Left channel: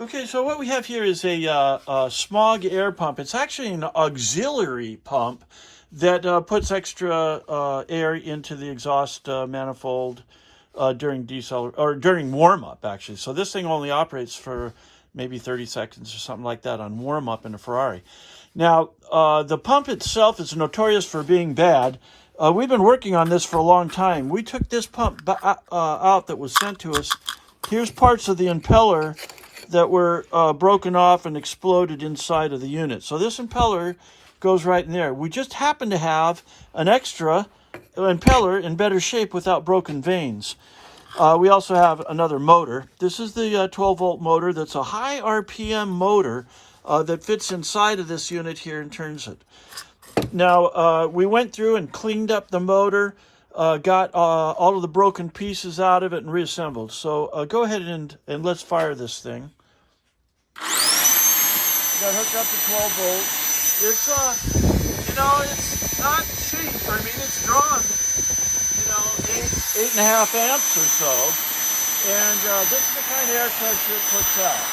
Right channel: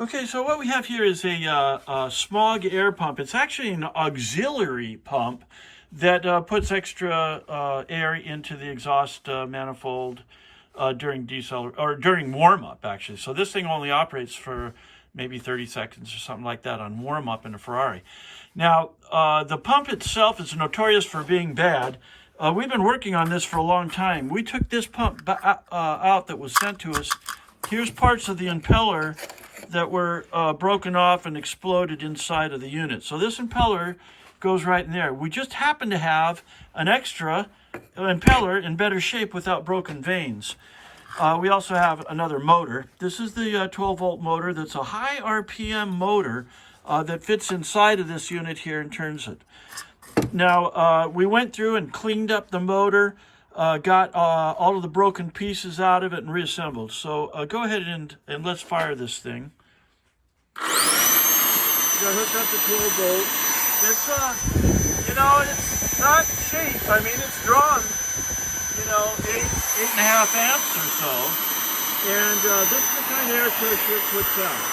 Okay, so what we have here is a smog air pump. It's actually an auxiliary pump that puts extra air into the exhaust manifold during during warm-up, actually. So this thing only operates for maybe 30 seconds or something like that on warm-up in a Ferrari. Now, the pump itself is notorious for being bad. We've been working on this for a long time. We took this pump out that was sent to us. Here's parts of the impeller that were broken off and exploded inside of the unit. So this impeller goes right in there. We just happen to have an extra impeller in better shape without broken vanes. We also have another motor. This is the 12-volt motor. That's a high RPM motor that fits inside of this unit here and turns it. Now, we went through and cleaned up the motor, got all of the broken pieces out of it and reassembled. So go ahead and let's fire this thing. Got hooked up to 12 volts. It's, it's not cheap. I mean, it's drawn, 8.5 amps or so. And this is the kind of air pressure it puts out.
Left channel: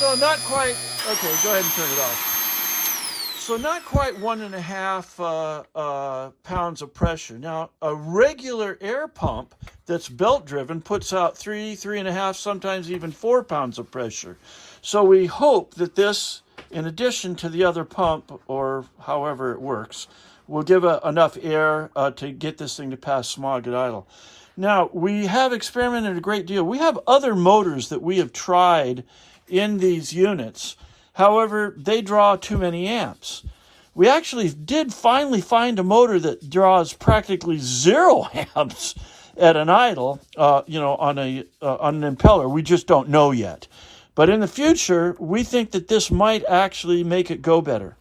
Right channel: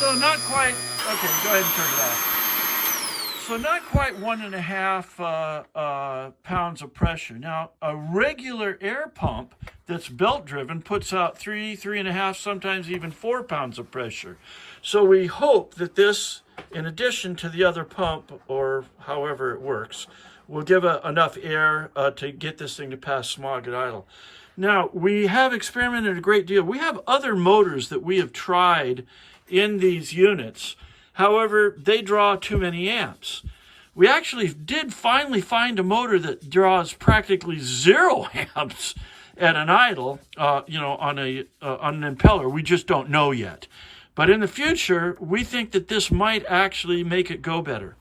So not quite, okay, go ahead and turn it off. So not quite 1.5 pounds of pressure. Now, a regular air pump that's belt driven puts out 3.5, sometimes even 4 pounds of pressure. So we hope that this, in addition to the other pump, or however it works, will give enough air to get this thing to pass smog at idle. Now, we have experimented a great deal. We have other motors that we have tried in these units. However, they draw too many amps. We actually did finally find a motor that draws practically 0 amps at an idle, on an impeller. We just don't know yet. But in the future, we think that this might actually make it go better.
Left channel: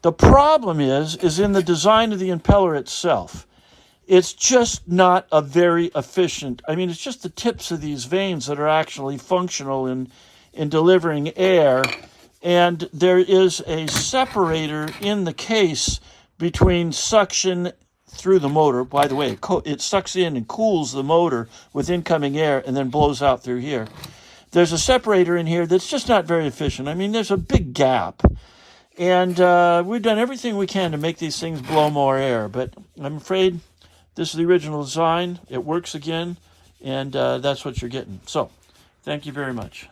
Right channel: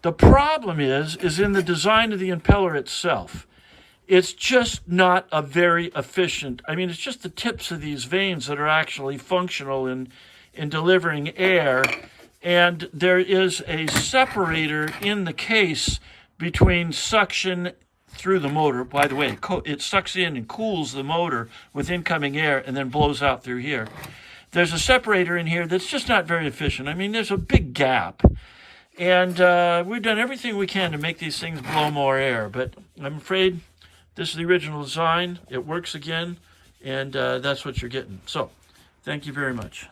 The problem is in the design of the impeller itself. It's just not a very efficient, it's just the tips of these vanes that are actually functional in delivering air, and there is a separator in the case between suction through the motor. By the way, it sucks in and cools the motor with incoming air and then blows out through here. There's a separator in here that's just not very efficient. There's a big gap, and we've done everything we can to make these things blow more air, but I'm afraid this is the original design. It works again, and that's what you're getting. So, thank you very much.